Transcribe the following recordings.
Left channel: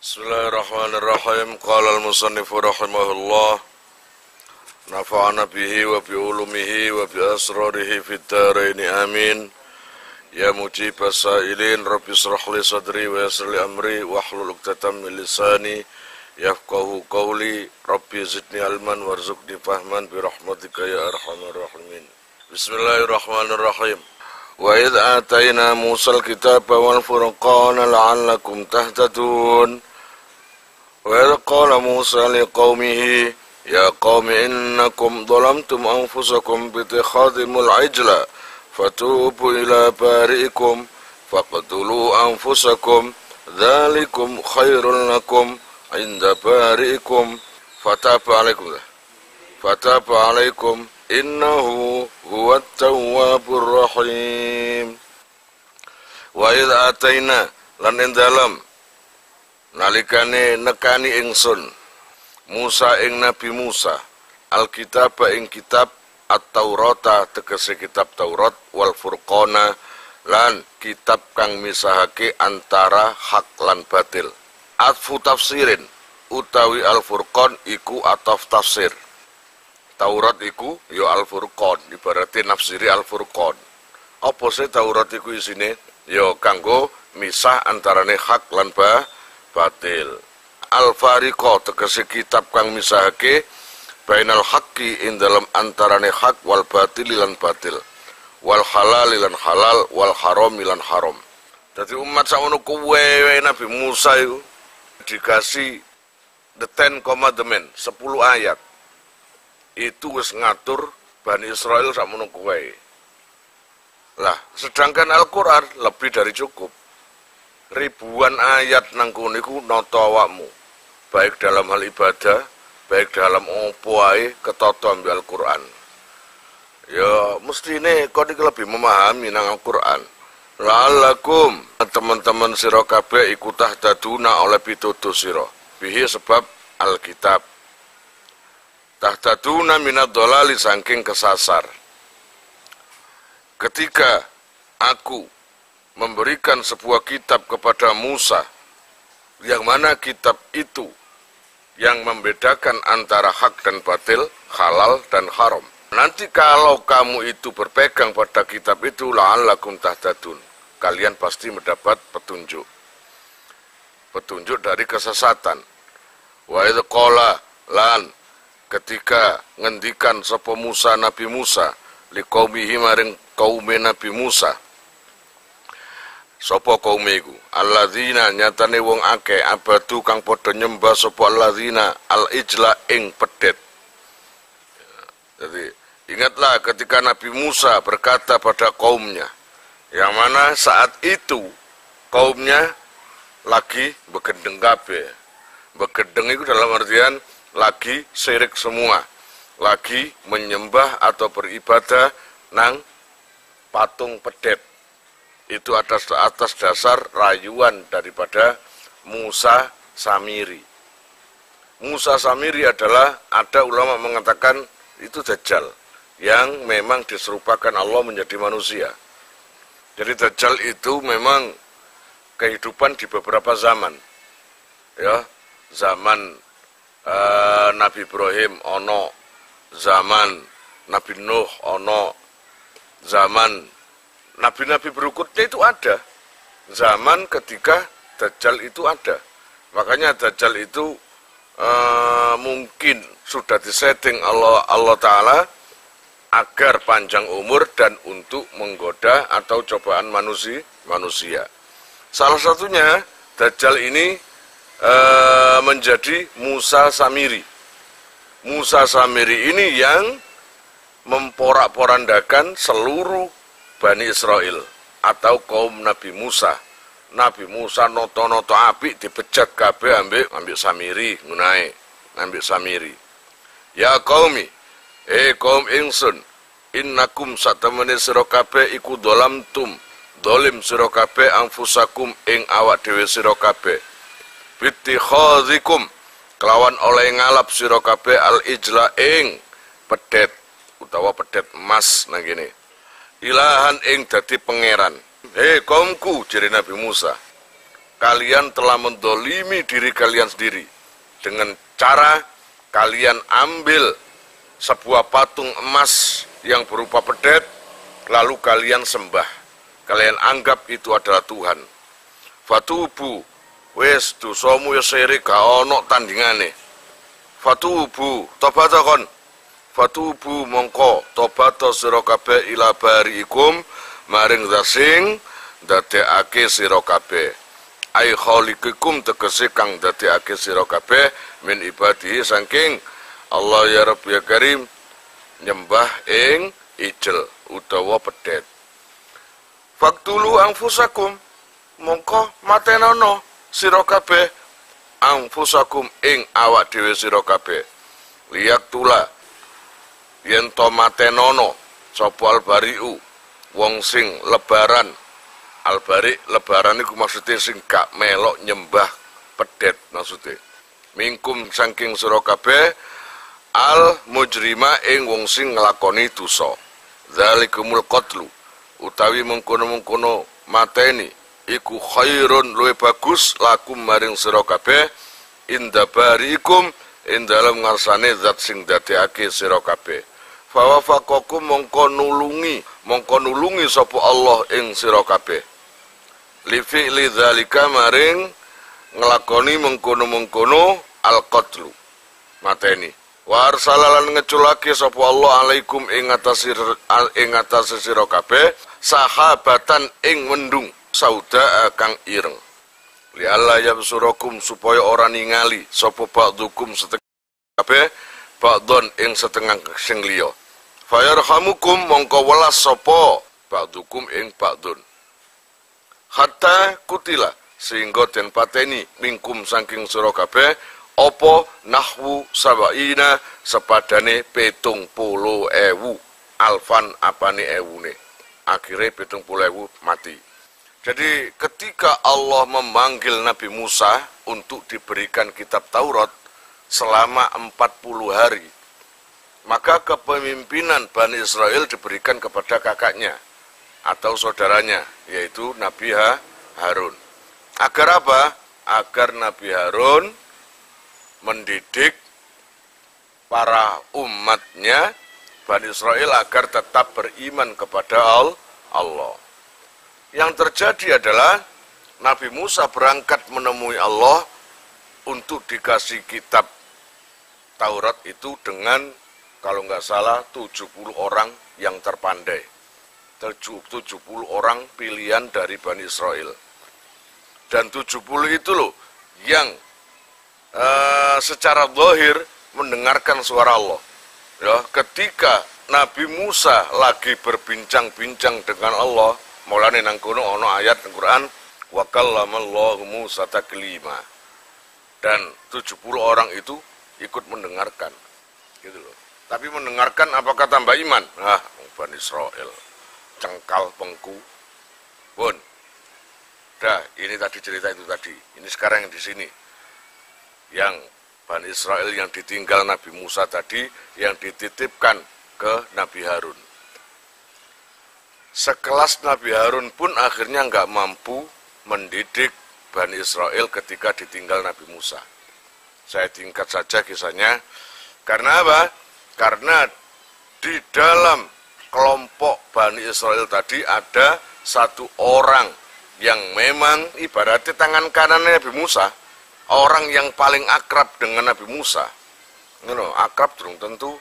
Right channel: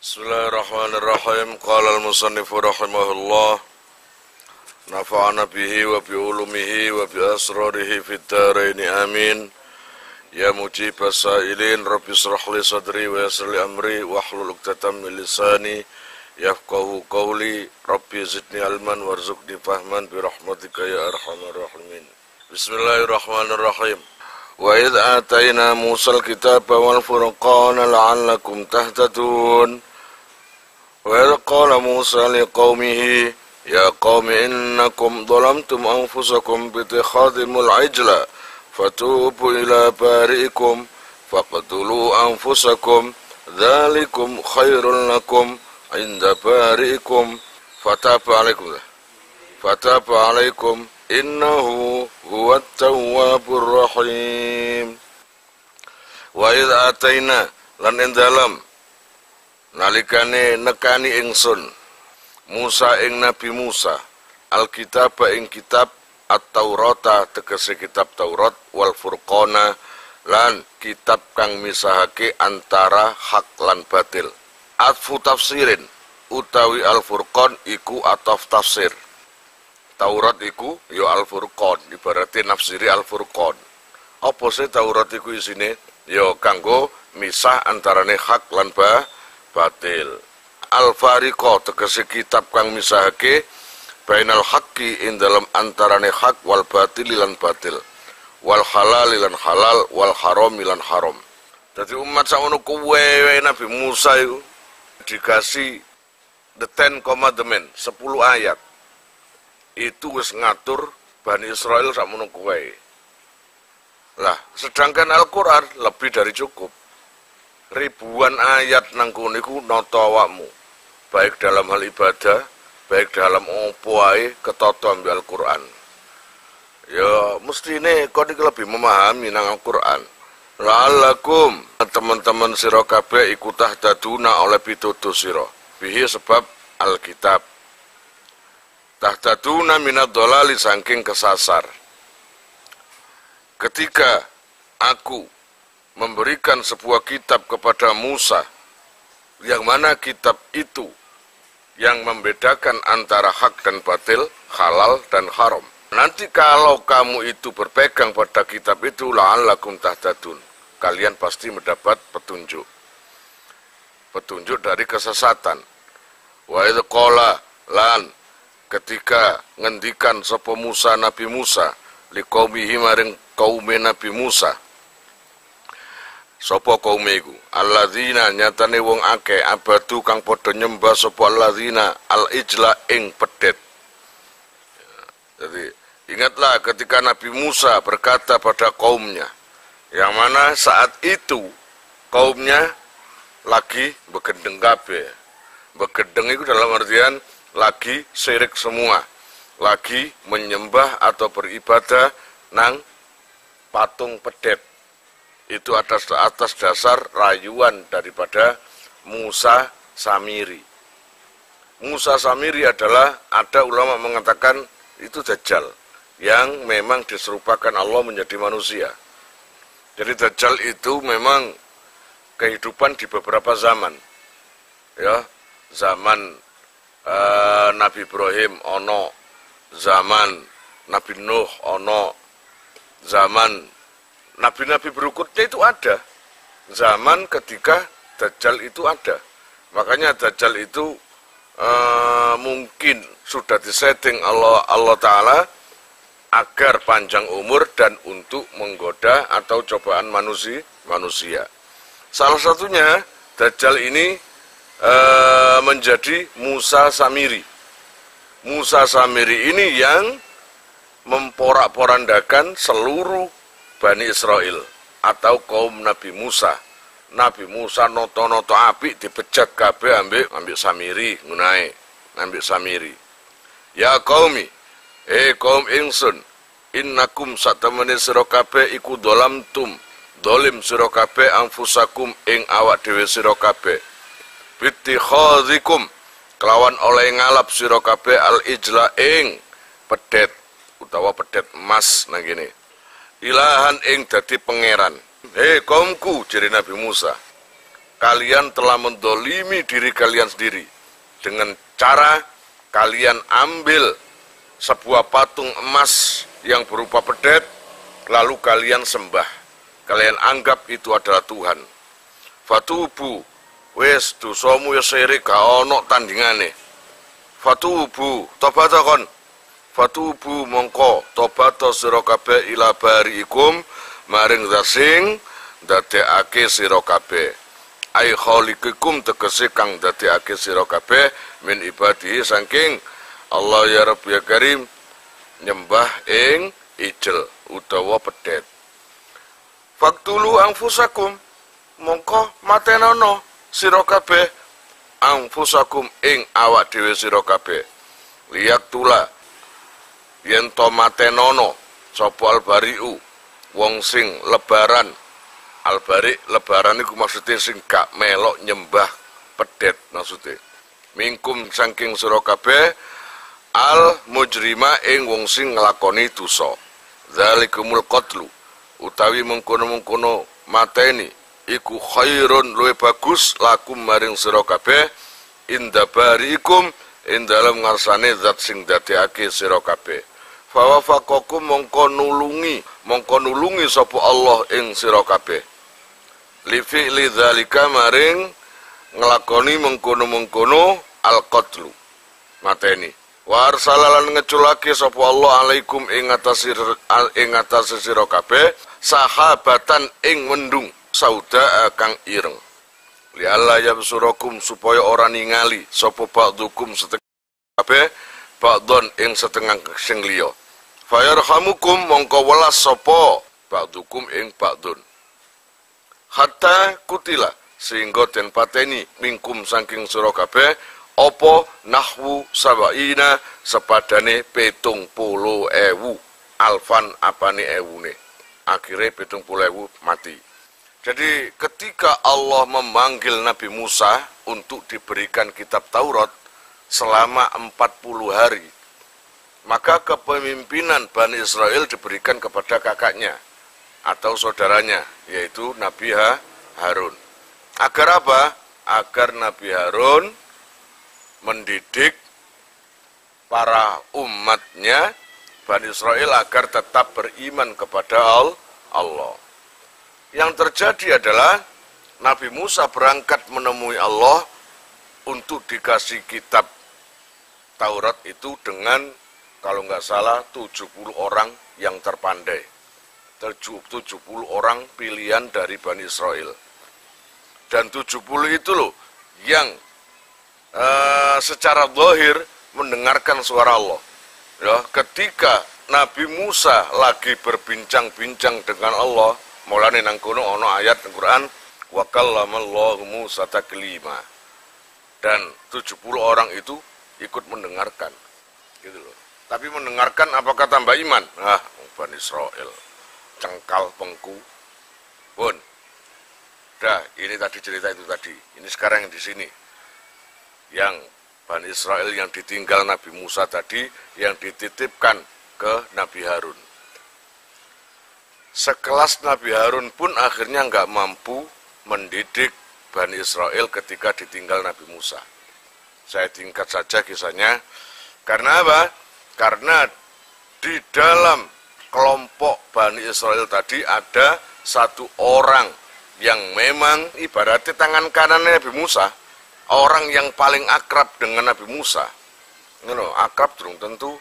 Bismillahirrahmanirrahim. Qala al-musannifu rahimahullah, nafa'ana bihi wa bi ulumihi wa bi asrarihi fid dharain amin. Ya mujibas sa'ilin, rabbi israh li sadri wa yassir li amri wahlul 'uqdatam min lisani yafqahu qawli. Rabbi zidni ilman warzuqni fahman bi rahmatika ya arhamar rahimin. Bismillahirrahmanirrahim. Wa idh atayna Musal kitaba wal furqana la'allakum tahtadun. Wa idh qala Musa liqaumihi ya qaumi innakum dhalamtum anfusakum bi ittikhadhimul ijla fatubu ila bari'ikum faqtulu anfusakum dzalikum khairul lakum inda bari'ikum fataba alaikum innahu huwat tawwabur rahim. Wa idh ataina lan ing dalem nalikane nekani ingsun Musa ing Nabi Musa alkitaba ing kitab at-Taurata tegese kitab Taurat wal Furqana lan kitab kang misahake antara hak lan batil. Atfu tafsirin utawi al-Furqan iku ataf tafsir. Taurat iku ya Al-Furqan, ibaratnya nafsiri Al-Furqan. Apa sih Taurat iku isine? Ya kanggo misah antarane hak lan batil. Al-Fariqa tegese kitab kang misahake bainal haqqi ing dalam antarane hak wal batil lan batil. Wal halal lan halal wal haram lan haram. Dadi umat sakmono kuwe Nabi Musa iku dikasih the Ten Commandments, 10 ayat. Itu wis ngatur Bani Israel sakmono kuwe. Lah, sedangkan Al-Qur'an lebih dari cukup. Ribuan ayat nang kono iku nata awakmu. Baik dalam hal ibadah, baik dalam opo ae ketata ambek Al-Qur'an. Ya, mestine kok iki lebih memahami nang Al-Qur'an. La'allakum teman-teman sira kabeh iku tahtaduna oleh pitutur sira. Bihi sebab Alkitab. Tahtaduna minad dhalali saking kesasar. Ketika aku memberikan sebuah kitab kepada Musa, yang mana kitab itu yang membedakan antara hak dan batil, halal dan haram. Nanti kalau kamu itu berpegang pada kitab itu, la'allakum tahtadun, kalian pasti mendapat petunjuk. Petunjuk dari kesesatan. Wa idh qala lan ketika ngendikan sapa Musa Nabi Musa liqaumihi maring kaume Nabi Musa. Sapa kaume iku? Alladzina nyatane wong akeh abadu kang padha nyembah sapa alladzina al-ijla ing pedet. Jadi ingatlah ketika Nabi Musa berkata pada kaumnya, yang mana saat itu kaumnya lagi begendeng kabeh. Begendeng itu dalam artian lagi syirik semua, lagi menyembah atau beribadah nang patung pedet. Itu atas dasar rayuan daripada Musa Samiri. Musa Samiri adalah, ada ulama mengatakan itu Dajjal yang memang diserupakan Allah menjadi manusia. Jadi Dajjal itu memang kehidupan di beberapa zaman. Ya, zaman Nabi Ibrahim ono, zaman Nabi Nuh ono, zaman nabi-nabi berikutnya itu ada. Zaman ketika Dajjal itu ada. Makanya Dajjal itu mungkin sudah disetting Allah Ta'ala agar panjang umur dan untuk menggoda atau cobaan manusia. Salah satunya Dajjal ini menjadi Musa Samiri. Musa Samiri ini yang memporak-porandakan seluruh Bani Israel atau kaum Nabi Musa. Nabi Musa noto-noto apik dipecat kabeh ambek Samiri ngunae, ambek Samiri. Ya qaumi, kaum ingsun, innakum satamene sira kabeh iku dhalamtum, dolim sira kabeh anfusakum ing awak dhewe sira kabeh. Bittikhadhikum kelawan oleh ngalap sira kabeh al-ijla ing pedet utawa pedet emas nang kene. Ilahan ing dadi pangeran. Kaumku, jere Nabi Musa. kalian telah mendolimi diri kalian sendiri dengan cara kalian ambil sebuah patung emas yang berupa pedet, lalu kalian sembah. Kalian anggap itu adalah Tuhan. Fatubu, wes dosamu ya sirik gak ono tandingane. Fatubu, tobatakon. Fatubu mongko tobato sira kabeh ila bariikum maring dasing dadekake sira kabeh. Ai khaliqikum tegese kang dadekake sira kabeh min ibadihi saking Allah ya Rabb ya Karim nyembah ing ijel utawa pedet. Faktulu anfusakum mongko matenono sira kabeh anfusakum ing awak dhewe sira kabeh. Liyak tula yen to matenono sapa albariu wong sing lebaran. Albari lebaran iku maksude sing gak melok nyembah pedet maksude. Mingkum saking sira kabeh al mujrima ing wong sing nglakoni dosa. Zalikumul qatlu utawi mengkono-mengkono mateni iku khairun luwih bagus lakum maring sira kabeh inda barikum ing dalem ngarsane zat sing dadekake sira kabeh. Fawafaqakum mongko nulungi sapa Allah ing sira kabeh. Li fi'li dzalika maring nglakoni mengkono-mengkono al-qatlu mateni. Wa arsalalan ngeculake sapa Allah alaikum ing atase sira kabeh sahabatan ing mendung sauda kang ireng. Li alla yabsurakum supaya ora ningali sapa ba'dukum setengah kabeh ba'don ing setengah sing liya. Fayarhamukum mongko welas sapa ba'dukum ing ba'dun. Hatta kutila sehingga den pateni mingkum saking sira kabeh apa nahwu sabaina sepadane 70.000 alfan apane ewune. Akhire 70.000 mati. Jadi ketika Allah memanggil Nabi Musa untuk diberikan kitab Taurat selama 40 hari, maka kepemimpinan Bani Israel diberikan kepada kakaknya atau saudaranya, yaitu Nabi Harun. Agar apa? Agar Nabi Harun mendidik para umatnya Bani Israel agar tetap beriman kepada Allah. Yang terjadi adalah Nabi Musa berangkat menemui Allah untuk dikasih kitab Taurat itu dengan kalau nggak salah 70 orang yang terpandai. 70 orang pilihan dari Bani Israel. Dan 70 itu loh yang secara zahir mendengarkan suara Allah. Ya, ketika Nabi Musa lagi berbincang-bincang dengan Allah, mulane nang kono ana ayat Al-Qur'an wa kallamallahu Musa taklima. Dan 70 orang itu ikut mendengarkan. Gitu loh. Tapi mendengarkan apakah tambah iman? Bani Israel cengkal pengku pun. Dah, ini tadi cerita itu tadi. Ini sekarang yang di sini. Yang Bani Israel yang ditinggal Nabi Musa tadi, yang dititipkan ke Nabi Harun. Sekelas Nabi Harun pun akhirnya nggak mampu mendidik Bani Israel ketika ditinggal Nabi Musa. Saya tingkat saja kisahnya. Karena apa? Karena di dalam kelompok Bani Israel tadi ada satu orang yang memang ibaratnya tangan kanan Nabi Musa, orang yang paling akrab dengan Nabi Musa. Akrab durung tentu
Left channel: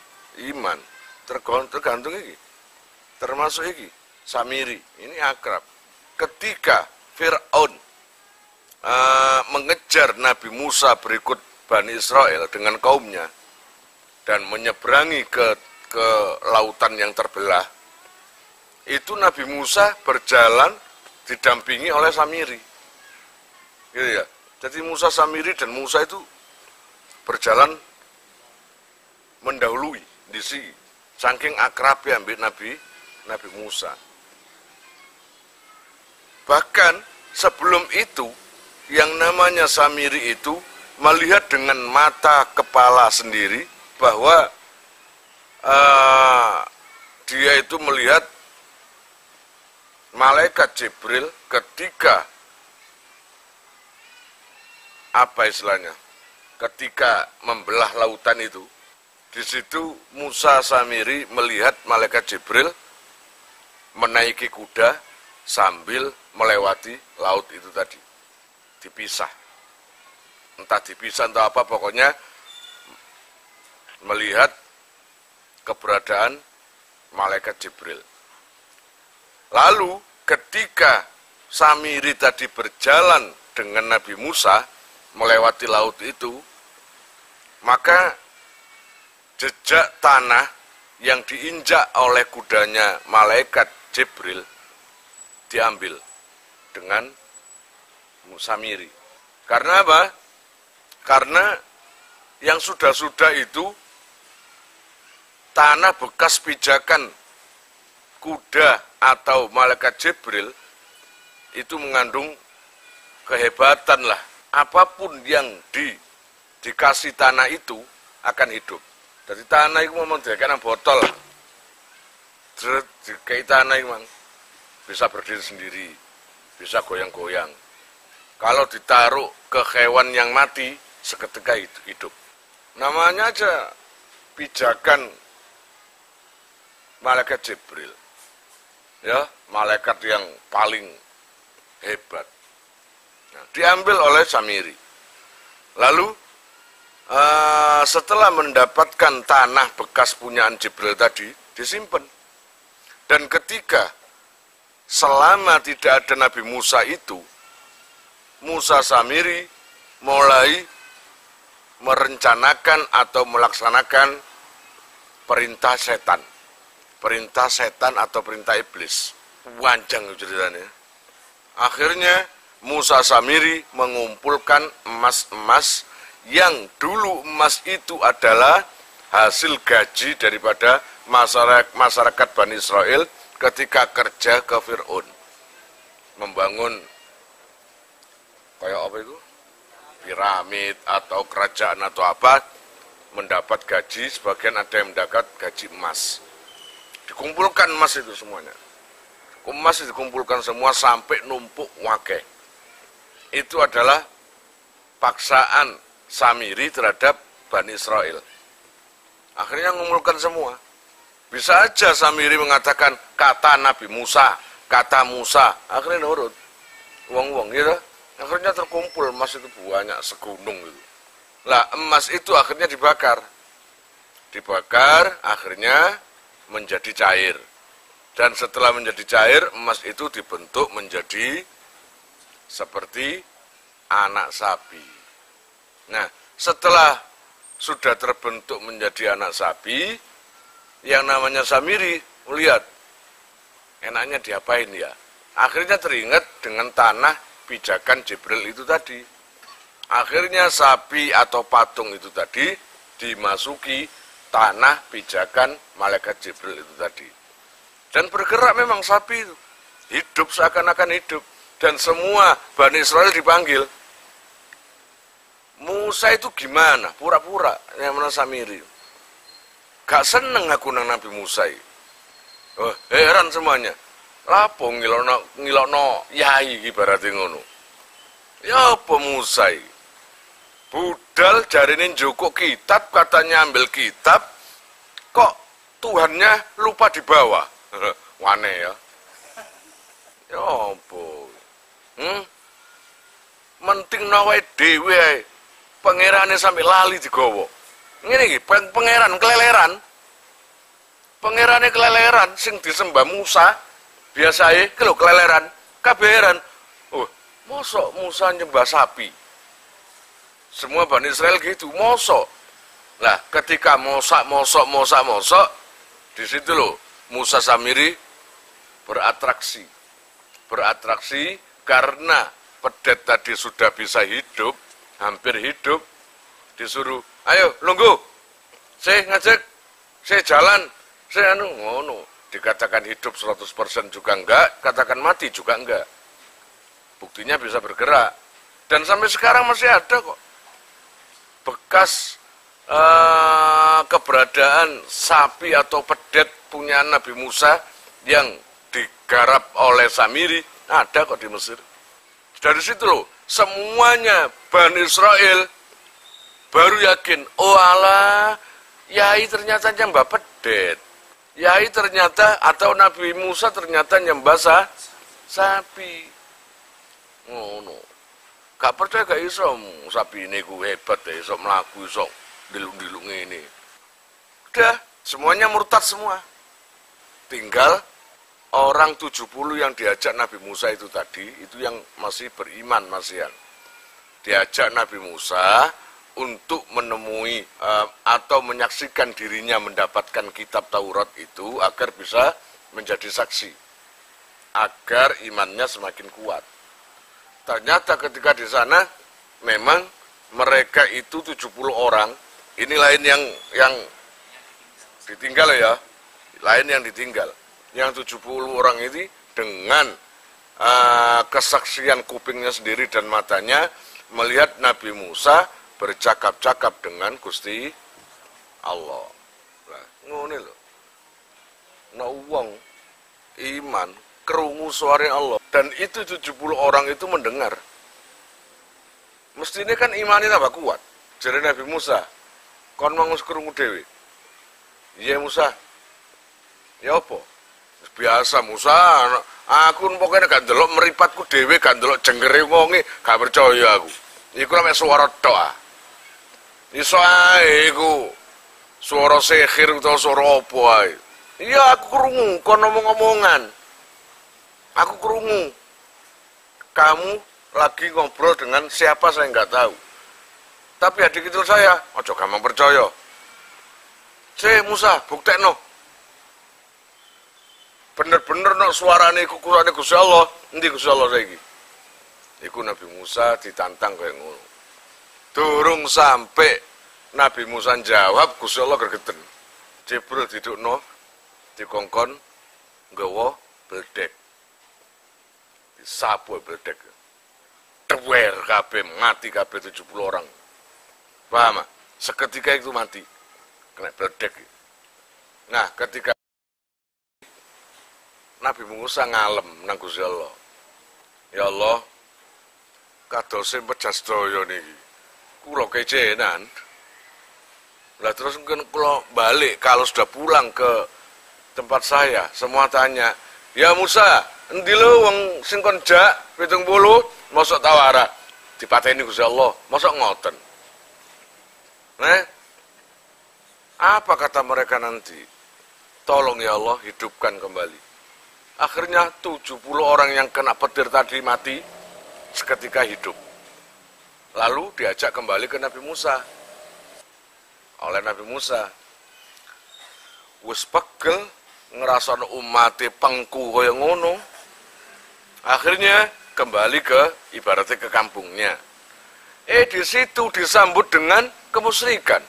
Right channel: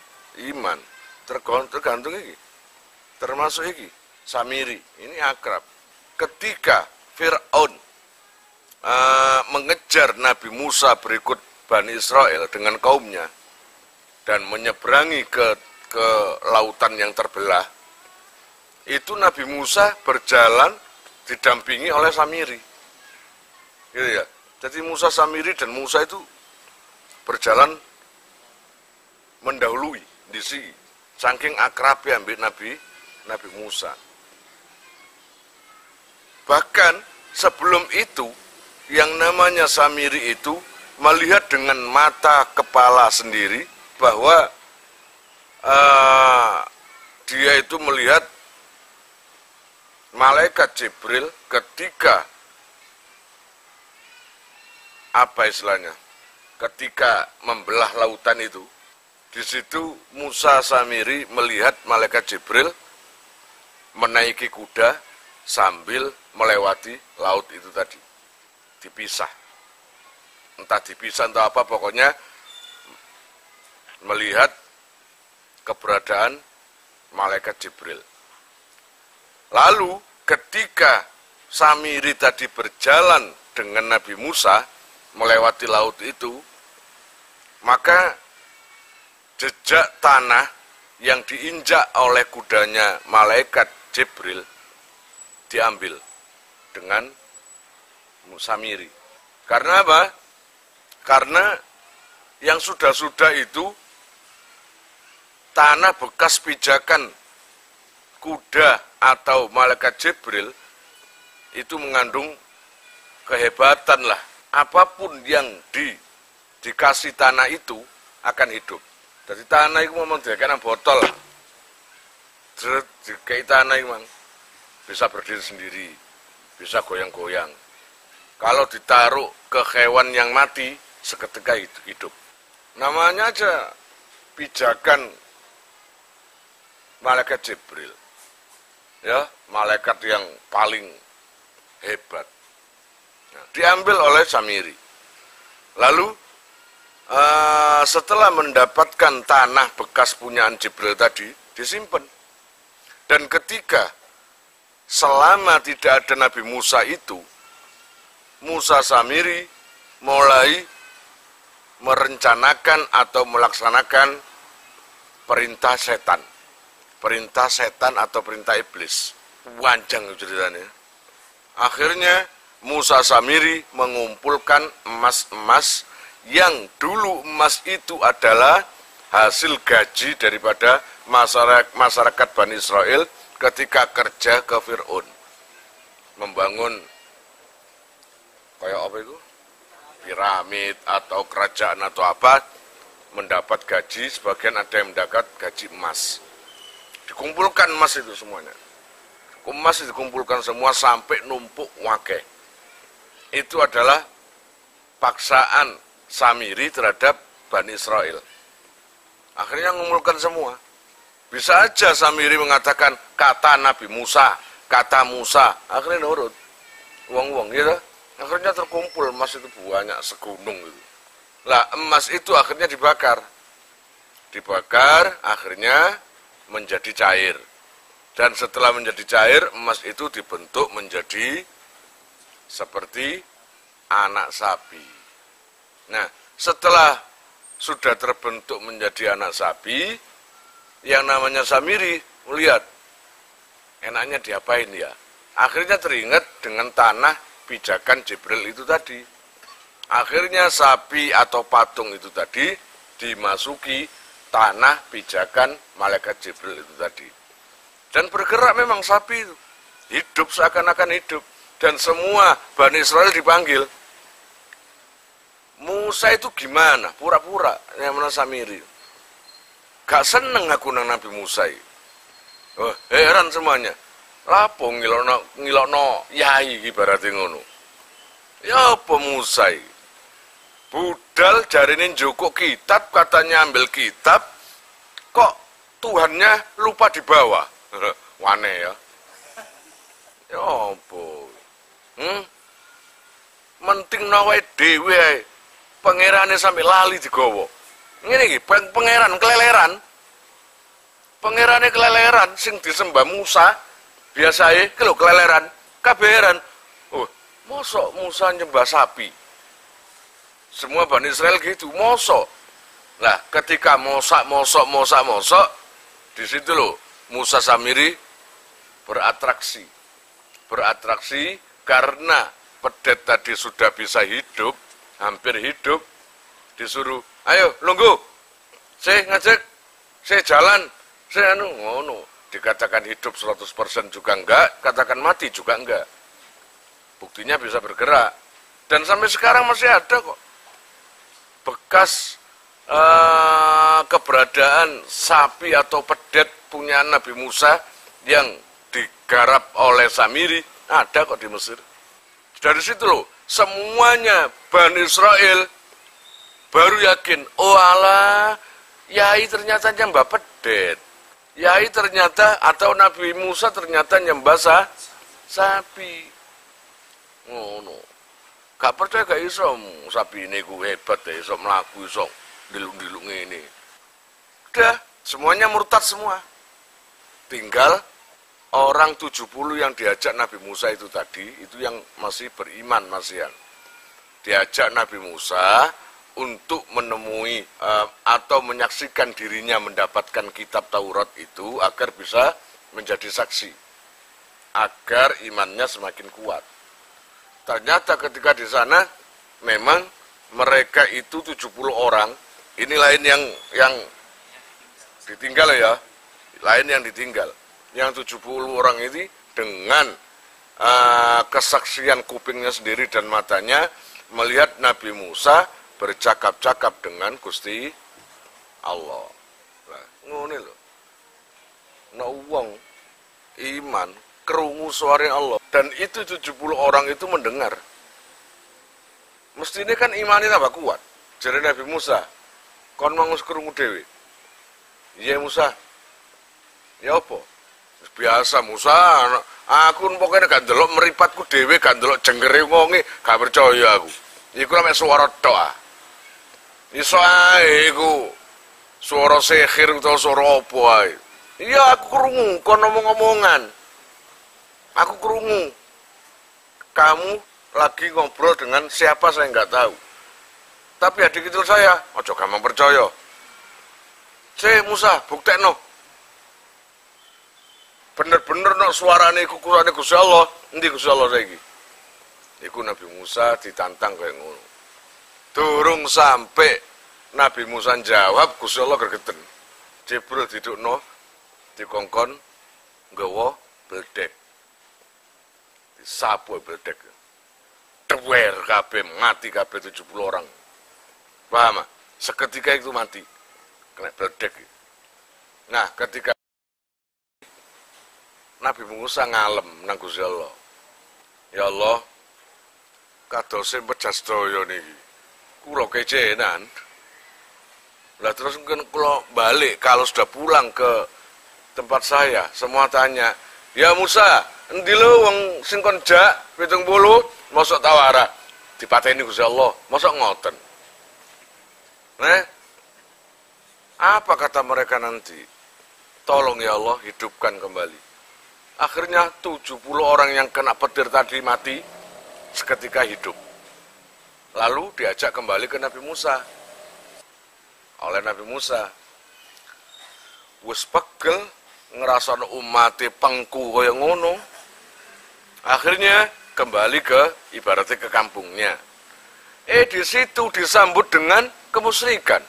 iman. Tergantung iki. Termasuk iki Samiri, ini akrab. Ketika Fir'aun mengejar Nabi Musa berikut Bani Israel dengan kaumnya dan menyeberangi ke lautan yang terbelah, itu Nabi Musa berjalan didampingi oleh Samiri. Gitu ya. Jadi Musa, Samiri dan Musa itu berjalan mendahului di sini. Saking akrabnya ambil Nabi Musa. Bahkan sebelum itu yang namanya Samiri itu melihat dengan mata kepala sendiri bahwa dia itu melihat malaikat Jibril ketika apa istilahnya, ketika membelah lautan itu, di situ Musa Samiri melihat malaikat Jibril menaiki kuda sambil melewati laut itu tadi. Dipisah. Entah dipisah entah apa, pokoknya melihat keberadaan malaikat Jibril. Lalu ketika Samiri tadi berjalan dengan Nabi Musa melewati laut itu, maka jejak tanah yang diinjak oleh kudanya malaikat Jibril diambil dengan Samiri. Karena apa? Karena yang sudah-sudah itu tanah bekas pijakan kuda atau malaikat Jibril itu mengandung kehebatan lah. Apapun yang dikasih tanah itu akan hidup. Jadi tanah itu memang dikasih botol. Dikasih tanah itu memang bisa berdiri sendiri, bisa goyang-goyang. Kalau ditaruh ke hewan yang mati, seketika hidup. Namanya aja pijakan malaikat Jibril. Ya, malaikat yang paling hebat. Nah, diambil oleh Samiri. Lalu setelah mendapatkan tanah bekas punyaan Jibril tadi, disimpan. Dan ketika selama tidak ada Nabi Musa itu, Musa Samiri mulai merencanakan atau melaksanakan perintah setan. Perintah setan atau perintah iblis. Panjang ceritanya. Akhirnya Musa Samiri mengumpulkan emas-emas yang dulu emas itu adalah hasil gaji daripada masyarakat Bani Israel ketika kerja ke Fir'aun. Membangun kayak apa itu? Piramid atau kerajaan atau apa, mendapat gaji, sebagian ada yang mendapat gaji emas. Dikumpulkan emas itu semuanya. Emas dikumpulkan semua sampai numpuk wake. Itu adalah paksaan Samiri terhadap Bani Israel. Akhirnya mengumpulkan semua. Bisa aja Samiri mengatakan kata Nabi Musa, kata Musa. Akhirnya nurut. Uang-uang gitu. Akhirnya terkumpul emas itu banyak segunung gitu. Lah emas itu akhirnya dibakar. Dibakar akhirnya menjadi cair. Dan setelah menjadi cair, emas itu dibentuk menjadi seperti anak sapi. Nah, setelah sudah terbentuk menjadi anak sapi, yang namanya Samiri melihat, enaknya diapain ya? Akhirnya teringat dengan tanah pijakan Jibril itu tadi. Akhirnya sapi atau patung itu tadi dimasuki tanah pijakan malaikat Jibril itu tadi. Dan bergerak memang sapi itu. Hidup seakan-akan hidup. Dan semua Bani Israel dipanggil. Musa itu gimana? Pura-pura. Yang mana Samiri. Gak seneng aku nang Nabi Musa. Oh, heran semuanya. Lapo ngilokno yai ibaratnya ngono. Ya apa Musa? Budal jarine njukuk kitab, katanya ambil kitab. Kok Tuhannya lupa dibawa? Wane ya. Ya apa? Menting nawe dhewe pangerane sampe lali digawa. Ngene iki, pangeran keleleran. Pangerane keleleran sing disembah Musa, biasae ki lho keleleran, kabeheran. Oh, mosok Musa nyembah sapi. Semua Bani Israel gitu, mosok. Nah, ketika mosok, di situ loh Musa Samiri beratraksi. Beratraksi karena pedet tadi sudah bisa hidup, hampir hidup, disuruh, ayo lungguh, saya ngajak, saya jalan, saya ngono. Dikatakan hidup 100% juga enggak, katakan mati juga enggak. Buktinya bisa bergerak. Dan sampai sekarang masih ada kok bekas keberadaan sapi atau pedet punya Nabi Musa yang digarap oleh Samiri, ada kok di Mesir. Dari situ loh, semuanya Bani Israel baru yakin, oh alah, Yai ternyata nyembah pedet. Yai ternyata, atau Nabi Musa ternyata nyembah sapi. Ngono. Gak percaya gak iso, sapi ini ku hebat ya, iso melaku, iso dilung-dilung ini. Udah, semuanya murtad semua. Tinggal orang 70 yang diajak Nabi Musa itu tadi, itu yang masih beriman, masihan. Diajak Nabi Musa untuk menemui atau menyaksikan dirinya mendapatkan kitab Taurat itu agar bisa menjadi saksi. Agar imannya semakin kuat. Ternyata ketika di sana memang mereka itu 70 orang, ini lain yang ditinggal ya, lain yang ditinggal. Yang 70 orang ini dengan kesaksian kupingnya sendiri dan matanya melihat Nabi Musa bercakap-cakap dengan Gusti Allah. Nah, ngono lho. Nek wong iman krungu suara Allah dan itu 70 orang itu mendengar. Mestinya kan imannya tambah kuat. Jadi Nabi Musa, kon mau krungu dhewe. Iya Musa. Ya apa? Biasa Musa, aku pokoknya gak ndelok meripatku dhewe, gak ndelok jengkere wonge, gak percaya aku. Iku mek swara tok. Iso ae iku swara sihir utawa swara apa ae. Iya aku krungu kon ngomong-ngomongan. Aku krungu. Kamu lagi ngobrol dengan siapa saya nggak tahu. Tapi adik kecil saya, ojo gampang percaya. Musa, buktekno. Bener-bener no suarane iku kurane Gusti Allah. Endi Gusti Allah saiki? Iku Nabi Musa ditantang kayak ngono. Durung sampai Nabi Musa jawab, Gusti Allah gregeten. Jibril didukno dikongkon nggawa bledek. Disapu bledek. Tewer kabeh, mati kabeh 70 orang. Paham? Seketika itu mati. Kena bledek. Nah, ketika Nabi Musa ngalem nang Gusti Allah. Ya Allah, kadose pejas daya niki. Kula kecenan. Lah terus mungkin kalau balik, kalau sudah pulang ke tempat saya, semua tanya, "Ya Musa, endi lho wong sing kon jak 70 mosok tawara?" Dipateni Gusti Allah, mosok ngoten. Apa kata mereka nanti? Tolong ya Allah, hidupkan kembali. Akhirnya 70 orang yang kena petir tadi mati, seketika hidup. Lalu diajak kembali ke Nabi Musa. Oleh Nabi Musa. Wis pegel ngerasana umate pengku kaya ngono. Akhirnya kembali ke ibaratnya ke kampungnya. Di situ disambut dengan kemusyrikan.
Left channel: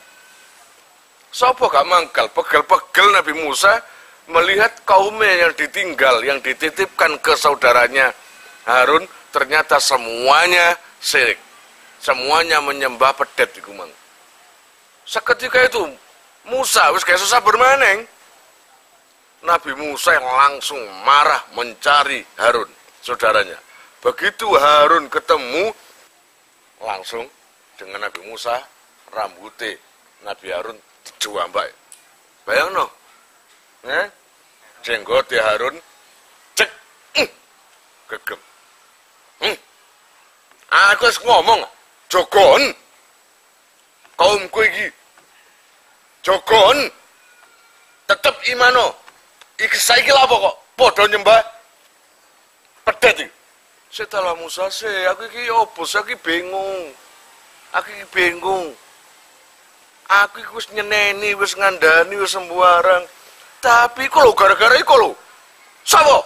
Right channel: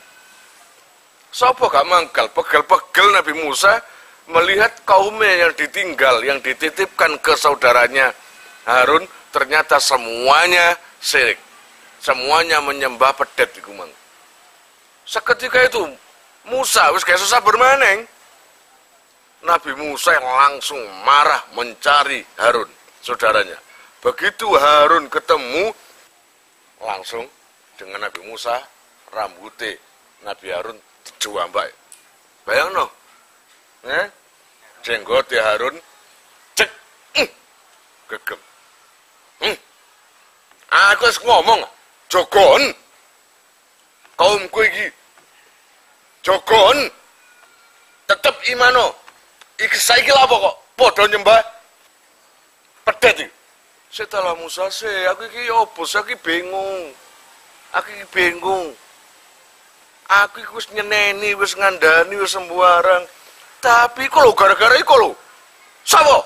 Sapa gak mangkal, pegel-pegel Nabi Musa melihat kaumnya yang ditinggal, yang dititipkan ke saudaranya Harun, ternyata semuanya syirik. Semuanya menyembah pedet iku mang. Seketika itu Musa wis gak susah bermaneng. Nabi Musa yang langsung marah mencari Harun, saudaranya. Begitu Harun ketemu, langsung dengan Nabi Musa, rambutnya Nabi Harun dijambak. Bayangno. Jenggot Harun cek gegem. Aku wis ngomong, jogon. Kaumku iki jogon. Tetep imano. Iki saiki lha apa kok padha nyembah pedet iki. Setelah Musa aku iki opo, aku iki bingung. Aku iki bingung. Aku iki wis nyeneni, wis ngandani, wis sembarang. Tapi kok lho gara-gara iku lho. Sapa?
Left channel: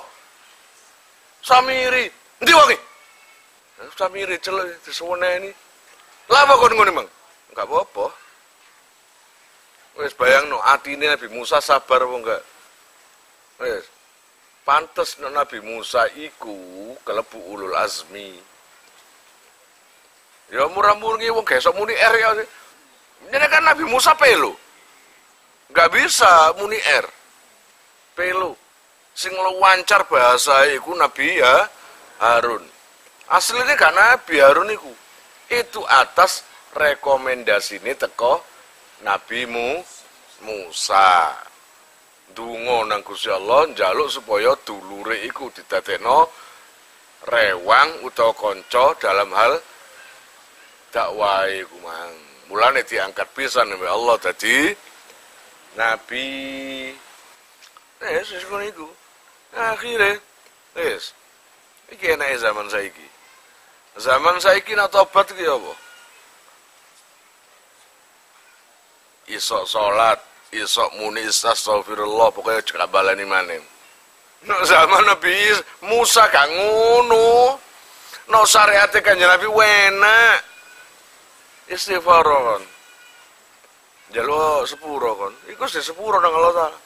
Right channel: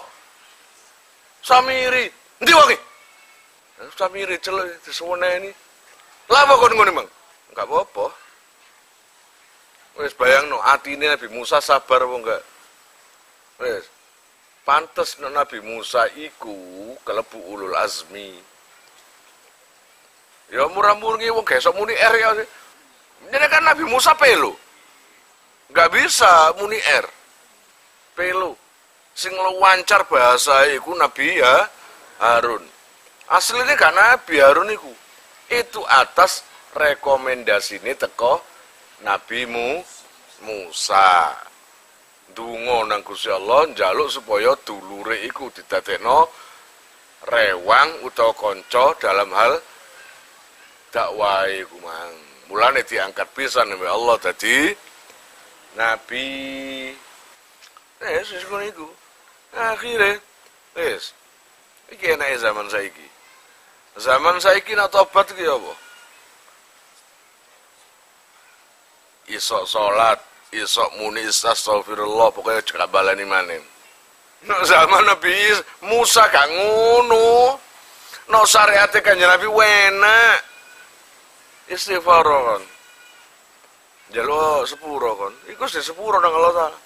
Samiri. Endi wonge? Samiri celuk disuweneni. Lah apa kon ngene, Mang? Enggak apa-apa. Wis bayangno atine Nabi Musa sabar apa enggak? Wis. Pantes Nabi Musa iku kelebu ulul azmi. Ya murah-murni wong gesok muni R ya. Ini kan Nabi Musa pelo. Enggak bisa muni R. Pelo. Sing luwancar bahasa iku Nabi ya Harun. Aslinya gak Nabi Harun iku. Itu atas rekomendasi ini teko Nabi Musa. Dungo nang Gusti Allah njaluk supaya dulure iku didadekno rewang utawa kanca dalam hal dakwah iku mang. Mulane diangkat pisan oleh Allah dadi nabi. Wis ngono iku. Akhire wis iki enake zaman saiki. Zaman saiki nak tobat iki apa? Isok salat, isok muni astagfirullah, pokoknya gak balani maneh. Nek zaman Nabi Musa gak ngono. No syariate Kanjeng Nabi enak. Istighfar kon. Jaluk sepuro kon. Iku sing sepuro nang Allah Taala.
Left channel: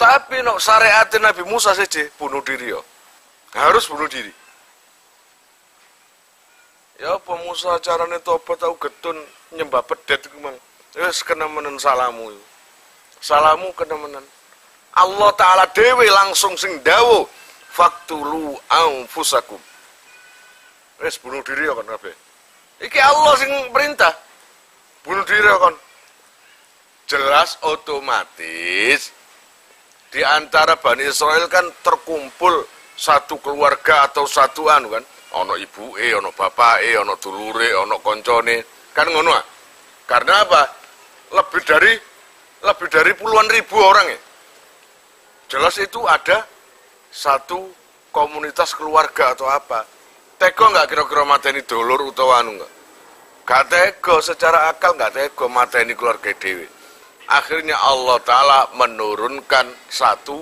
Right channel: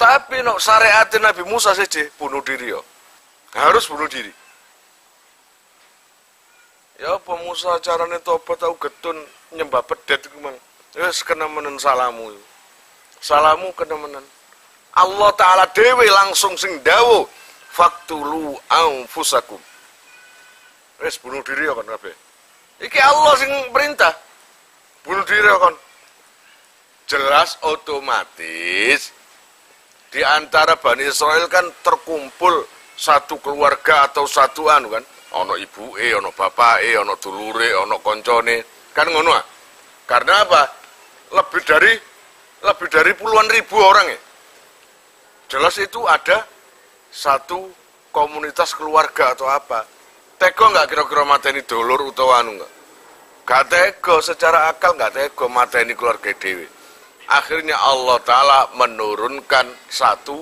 Tapi no syariate Nabi Musa saja bunuh diri yo. Harus bunuh diri. Ya apa Musa carane tobat tau getun nyembah pedet iku mang. Wis kena menen salamu. Salamu kena menen. Allah Ta'ala dewe langsung sing dawuh faktulu anfusakum. Wis bunuh diri kon kabeh. Iki Allah sing perintah. Bunuh diri kon. Jelas otomatis di antara Bani Israel kan terkumpul satu keluarga atau satu anu kan. Ono ibuke, ono bapake, ono dulure, ono koncone. Kan ngono ah. Karena apa? Lebih dari puluhan ribu orang ya. Jelas itu ada satu komunitas keluarga atau apa. Tega nggak kira-kira mateni dulur utawa anu nggak? Gak tega secara akal, nggak tega mateni keluarga dewi. Akhirnya Allah Ta'ala menurunkan satu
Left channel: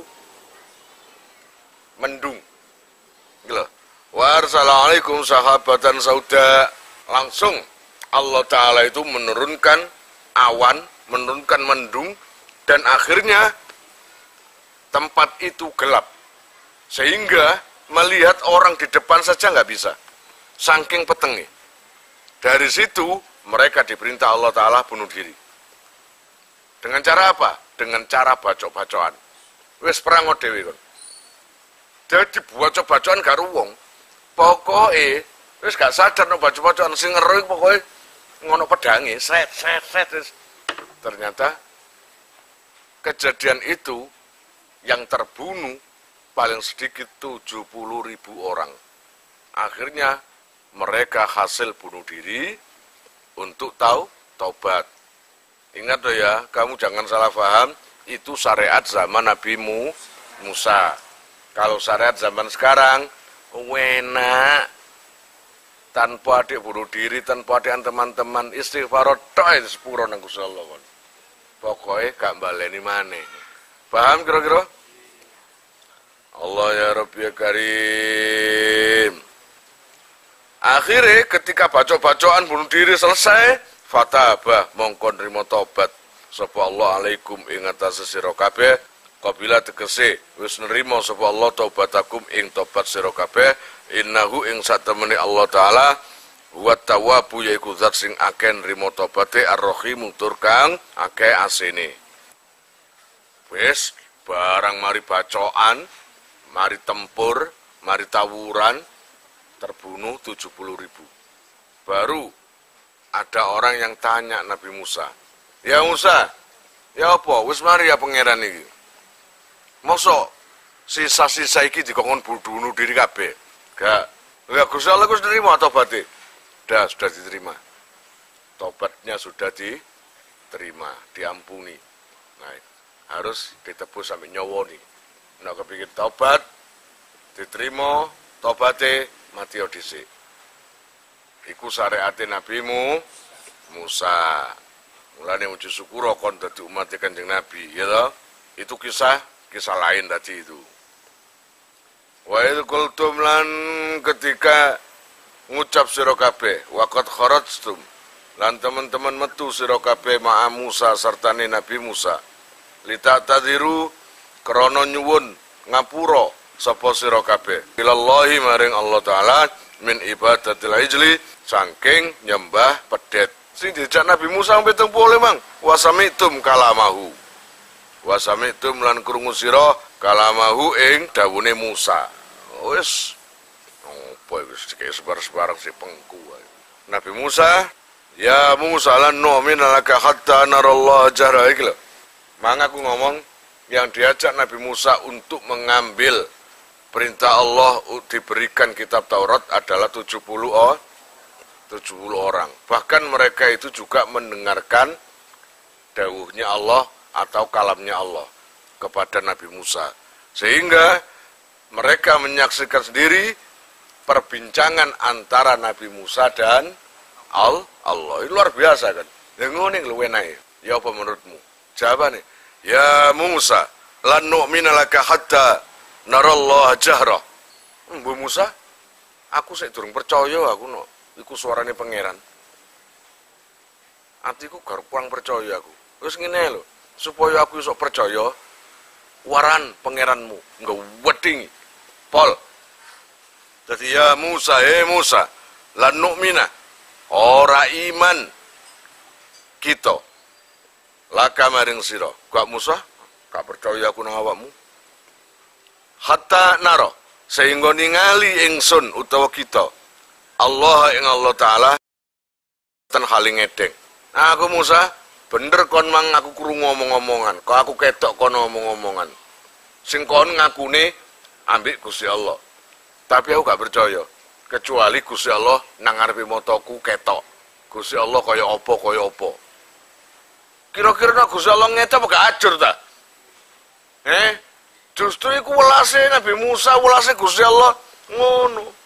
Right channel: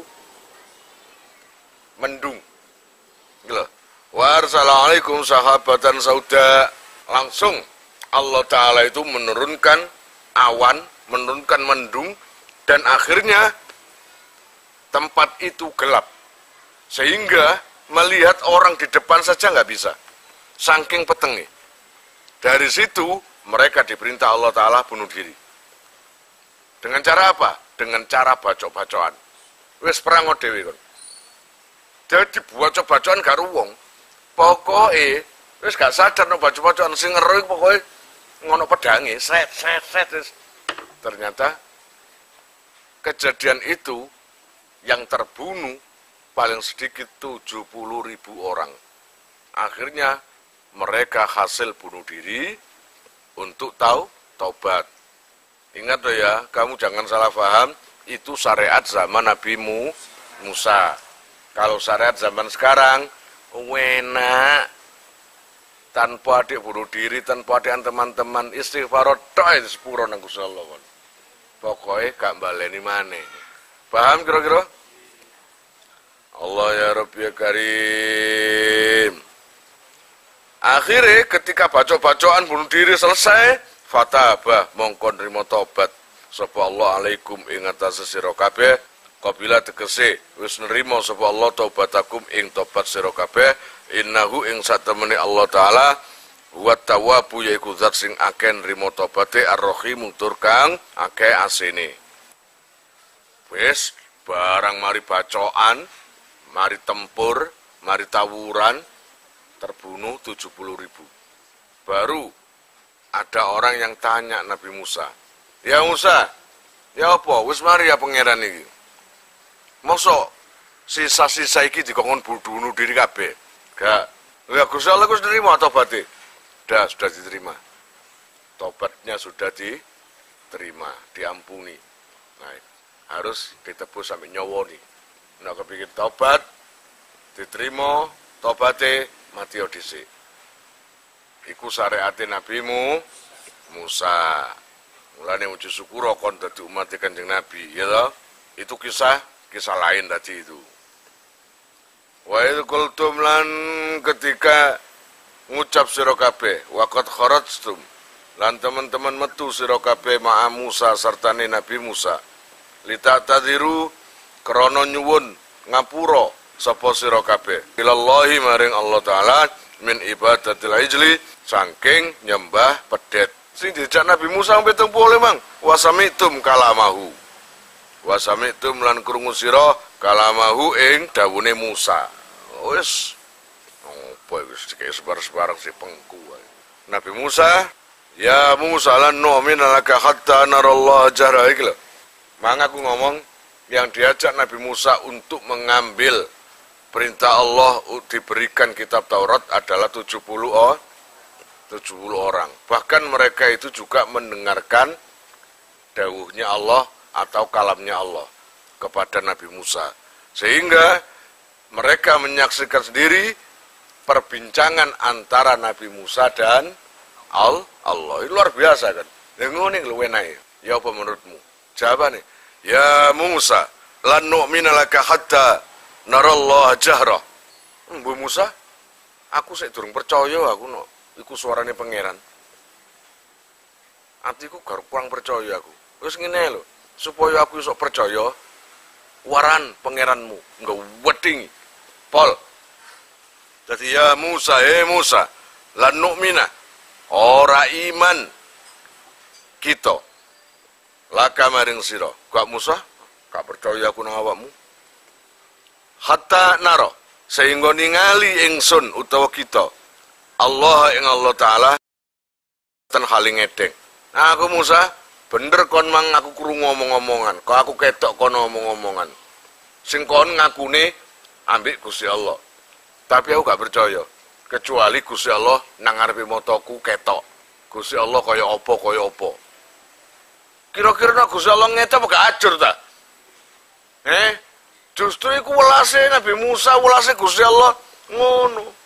mendung. Gitu. Wassalamualaikum sahabatan sauda. Langsung Allah Ta'ala itu menurunkan awan, menurunkan mendung, dan akhirnya tempat itu gelap. Sehingga melihat orang di depan saja nggak bisa. Saking petengnya. Dari situ mereka diperintah Allah Ta'ala bunuh diri. Dengan cara apa? Dengan cara bacok-bacokan. Wis perang dhewe kon. Jadi bacok-bacokan karo wong. Pokoke wis gak sadar nek bacok-bacokan sing ngero pokoke ngono pedange, set. Ternyata kejadian itu yang terbunuh paling sedikit 70.000 orang. Akhirnya mereka hasil bunuh diri untuk taubat. Ingat loh ya, kamu jangan salah paham, itu syariat zaman Nabi Musa. Kalau syariat zaman sekarang, enak. Tanpa adik bunuh diri, tanpa adik teman-teman, istighfar tok itu sepuro nang Gusti Allah. Pokoknya gak baleni maneh. Paham kira-kira? Allah ya Rabbi ya Karim. Akhirnya ketika bacok-bacokan bunuh diri selesai, fatabah mongko nrimo tobat sapa Allah alaikum ing atase sira kabeh. Kabila tegese wis nrimo sapa Allah taubatakum ing tobat sira kabeh. Innahu ing satemene Allah Ta'ala wa tawwabu yaiku zat sing akeh nrimo tobaté ar-rahim tur kang akeh asine. Wis barang mari bacokan, mari tempur, mari tawuran, terbunuh 70.000. Baru ada orang yang tanya Nabi Musa, "Ya Musa, ya apa? Wis mari ya pangeran iki. Mosok sisa-sisa iki dikongkon bunuh diri kabeh?" Gak. Ya Gusti Allah Gus nerima tobatnya. Sudah diterima. Tobatnya sudah diterima, diampuni. Nah, harus ditebus sampai nyawa nih. Nah, kepikir tobat, diterima, tobatnya mati dhisik. Iku syariate Nabi Musa. Mulane muji syukur kon dadi umat Kanjeng Nabi, ya toh? Itu kisah lain tadi itu. Wa idh qultum lan ketika ngucap sira kabeh waqad kharajtum lan teman-teman metu sira kabeh ma'a Musa sertane Nabi Musa litatadiru krana nyuwun ngapura sapa sira kabeh ilallahi maring Allah Ta'ala min ibadatil ijli saking nyembah pedet sing dijak Nabi Musa 70 mang wasamitum kalamahu wasamitum lan krungu sira kalamahu ing dawune Musa. Wis apa iku sik sebar-sebarang si pengku. Nabi Musa, ya Musa lan nu'mina laka hatta narallaha jahra iki lho. Maka aku ngomong yang diajak Nabi Musa untuk mengambil perintah Allah diberikan kitab Taurat adalah 70 orang. Bahkan mereka itu juga mendengarkan dawuhnya Allah atau kalamnya Allah kepada Nabi Musa. Sehingga mereka menyaksikan sendiri perbincangan antara Nabi Musa dan Allah. Ini luar biasa kan. Ya ngene lho enae. Ya apa menurutmu? Jawabane, ya Musa, lan nu'mina laka hatta narallaha jahra. Bu Musa, aku sik durung percaya aku no. Iku suarane pangeran. Atiku gak kurang percaya aku. Wis ngene lho, supaya aku iso percaya waran pangeranmu, enggak weding. Pol. Jadi ya Musa, Musa, lan nu'mina, ora iman kita. Laka maring sira. Kak Musa, gak percaya aku nang awakmu. Hatta naro, sehingga ningali ingsun utawa kita. Allah ing Allah Ta'ala ten haling edeng. Nah, aku Musa, bener kon mang aku krungu ngomong-ngomongan. Kok aku ketok kon ngomong-ngomongan. Sing kon ngakune ambek Gusti Allah. Tapi aku gak percaya. Kecuali Gusti Allah nang ngarepe mataku ketok. Gusti Allah kaya apa. Kira-kira nek Gusti Allah ngete apa gak ajur ta? Justru iku welase Nabi Musa, welase Gusti Allah ngono.